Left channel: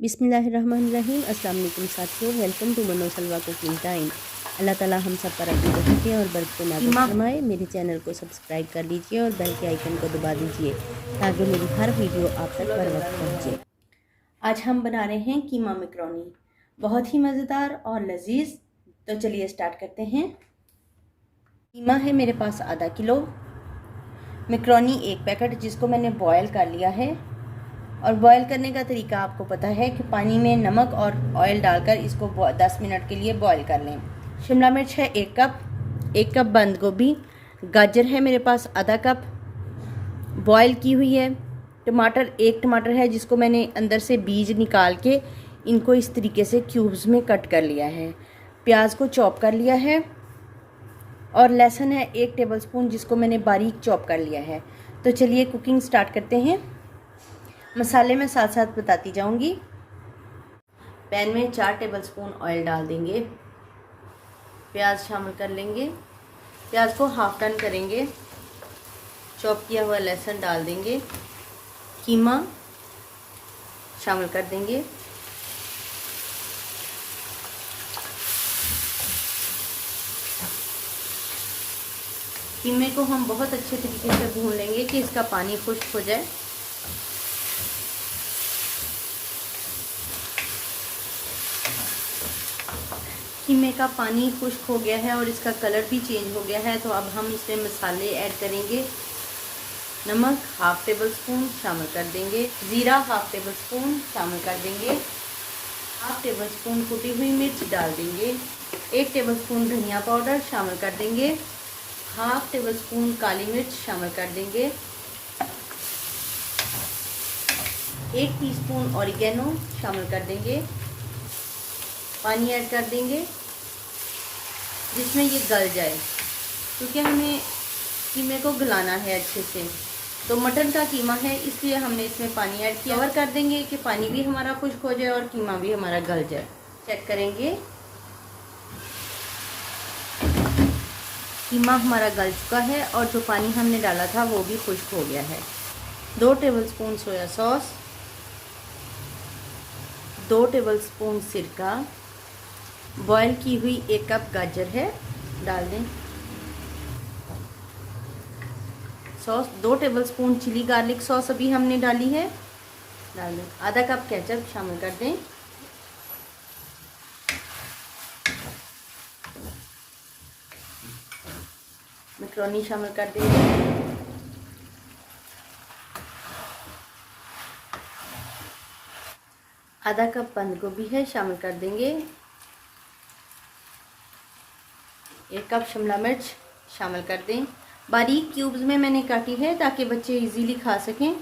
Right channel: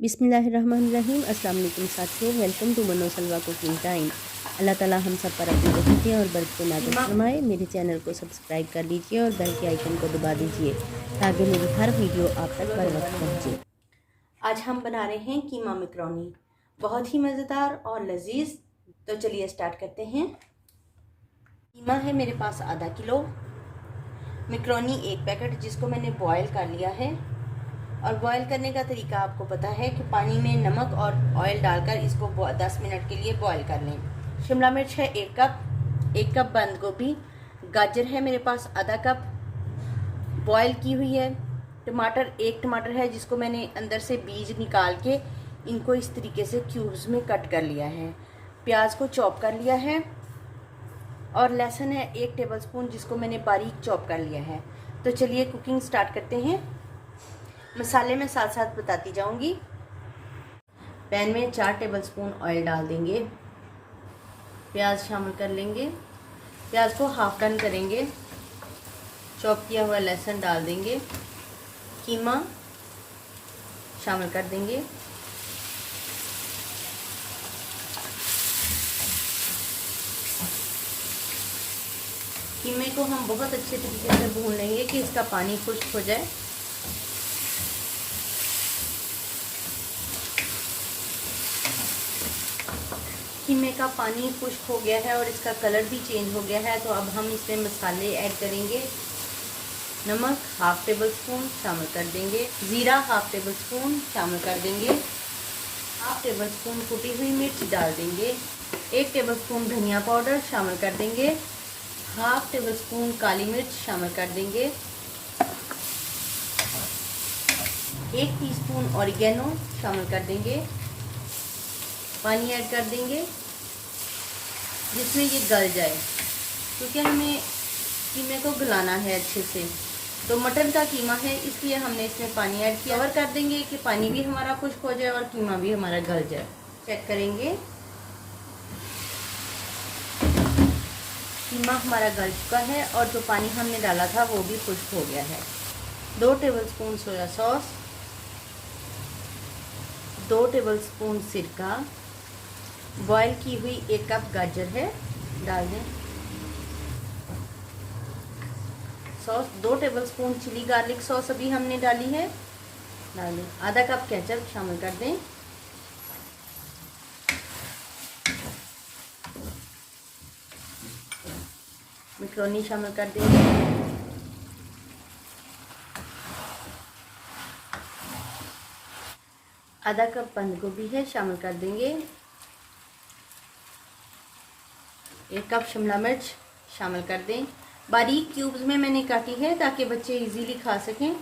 बिस्मिल्लाहिर्रहमानिर्रहीम। अस्सलाम वालेकुम साथियों, वेलकम टू मनो सलवा कुकिंग टाइम। अल्लाह ताला हम सब पर अपनी रहमतें और बरकतें नाज़िल फरमाए। मेरे चैनल को सब्सक्राइब कर लीजिए और बेल के आइकन को दबा दीजिए ताकि मेरी हर वीडियो आप तक बर वक्त पहुँचे। आज हम बना रहे हैं कीमा मैकरोनी, बहुत ही मज़ेदार और लजीज। तो चलिए स्टार्ट करते हैं। कीमा है मेरे पास आधा किलो, मैकरोनी एक पैकेट जिसको मैंने बॉयल कर लिया है। और बॉयल करने का तरीका आपको पता है कि पानी में नमक और ऑयल डालकर इसको 10 मिनट के लिए बॉयल कर लें। शिमला मिर्च है 1 कप बंद गोभी, गाजर है मेरे पास आधा कप बॉयल की हुई है, टमाटर 1 टमाटर है जिसको मैंने अंदर से बीज निकाल के इनको इस तरीके से क्यूब्स में कट कर लिया है, प्याज को चॉप कर लिया है, और लहसुन है 1 टेबलस्पून जिसको मैंने बारीक चॉप कर लिया है। तो चलिए कुकिंग स्टार्ट करते हैं। मसाले में साथ साथ बताती जाऊंगी। पैन में 4 टेबलस्पून ऑयल डाल देंगे, प्याज शामिल कर लेंगे, प्याज को हाफ डन करेंगे, चॉप किया हुआ लहसुन डाल देंगे, कीमा शामिल कर देंगे, कीमे को हम बहुत अच्छे तरीके से भून लेंगे कि इसका पानी खुश्क हो जाए। कीमे का पानी खुश्क हो गया है और इसका कलर भी चेंज हो गया है। तो अब हम इसमें मसाले ऐड करेंगे। नमक 1/2 टेबलस्पून शामिल कर देंगे, ज़ीरा 1/2 टेबलस्पून शामिल कर देंगे, 1/2 टेबलस्पून कुटी हुई मिर्च डाल देंगे, 1 टेबलस्पून धनिया पाउडर शामिल कर देंगे, 1/2 टेबलस्पून काली मिर्च शामिल कर देंगे, 1 टीस्पून ऑरिगेनो शामिल कर देंगे, पानी ऐड कर देंगे जिसमें ये गल जाए, क्योंकि हमें कीमे को गलाना है अच्छे से। तो मटन का कीमा है इसलिए हमने इसमें पानी ऐड किया। कवर कर देंगे कि पानी भी हमारा खुश्क हो जाए और कीमा भी हमारा गल जाए। चेक करेंगे, कीमा हमारा गल चुका है और जो पानी हमने डाला था वो भी खुश्क हो गया है। 2 टेबलस्पून सोया सॉस, 2 टेबलस्पून सिरका, बॉयल की हुई 1 कप गाजर है डाल दें, sauce 2 tablespoon chilli garlic sauce अभी हमने डाली है डाल दें, आधा कप केचप शामिल कर दें, मैकरोनी शामिल कर देंगे, आधा कप बंद गोभी है शामिल कर देंगे, 1 कप शिमला मिर्च शामिल कर दें, बारीक क्यूब्स में मैंने काटी है ताकि बच्चे इजीली खा सकें,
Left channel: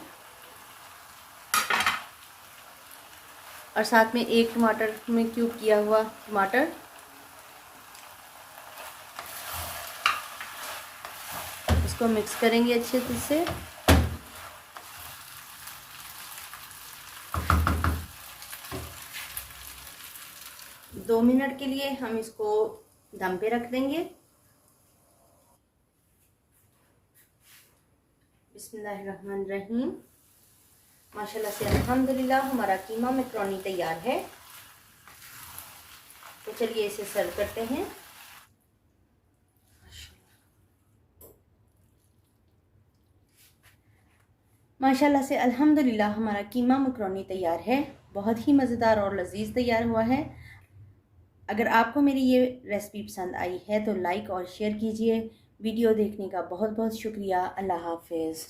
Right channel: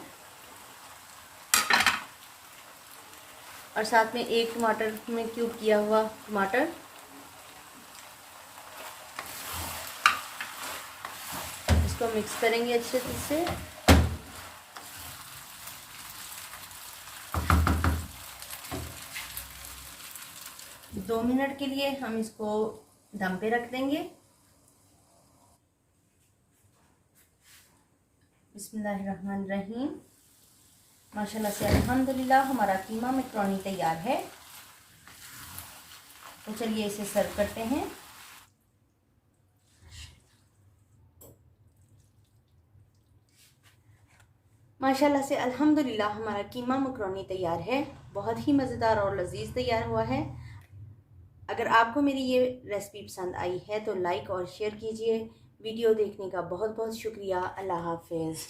और साथ में 1 टमाटर में क्यूब किया हुआ टमाटर, इसको मिक्स करेंगे अच्छे से। दो मिनट के लिए हम इसको दम पे रख देंगे। बिस्मिल्लाहिर्रहमानिर्रहीम। माशाल्लाह से अल्हम्दुलिल्लाह हमारा कीमा मैकरोनी तैयार है। तो चलिए इसे सर्व करते हैं। माशाल्लाह से अल्हम्दुलिल्लाह हमारा कीमा मैकरोनी तैयार है, बहुत ही मज़ेदार और लजीज तैयार हुआ है। अगर आपको मेरी ये रेसिपी पसंद आई है तो लाइक और शेयर कीजिए। वीडियो देखने का बहुत बहुत शुक्रिया। अल्लाह हाफिज़।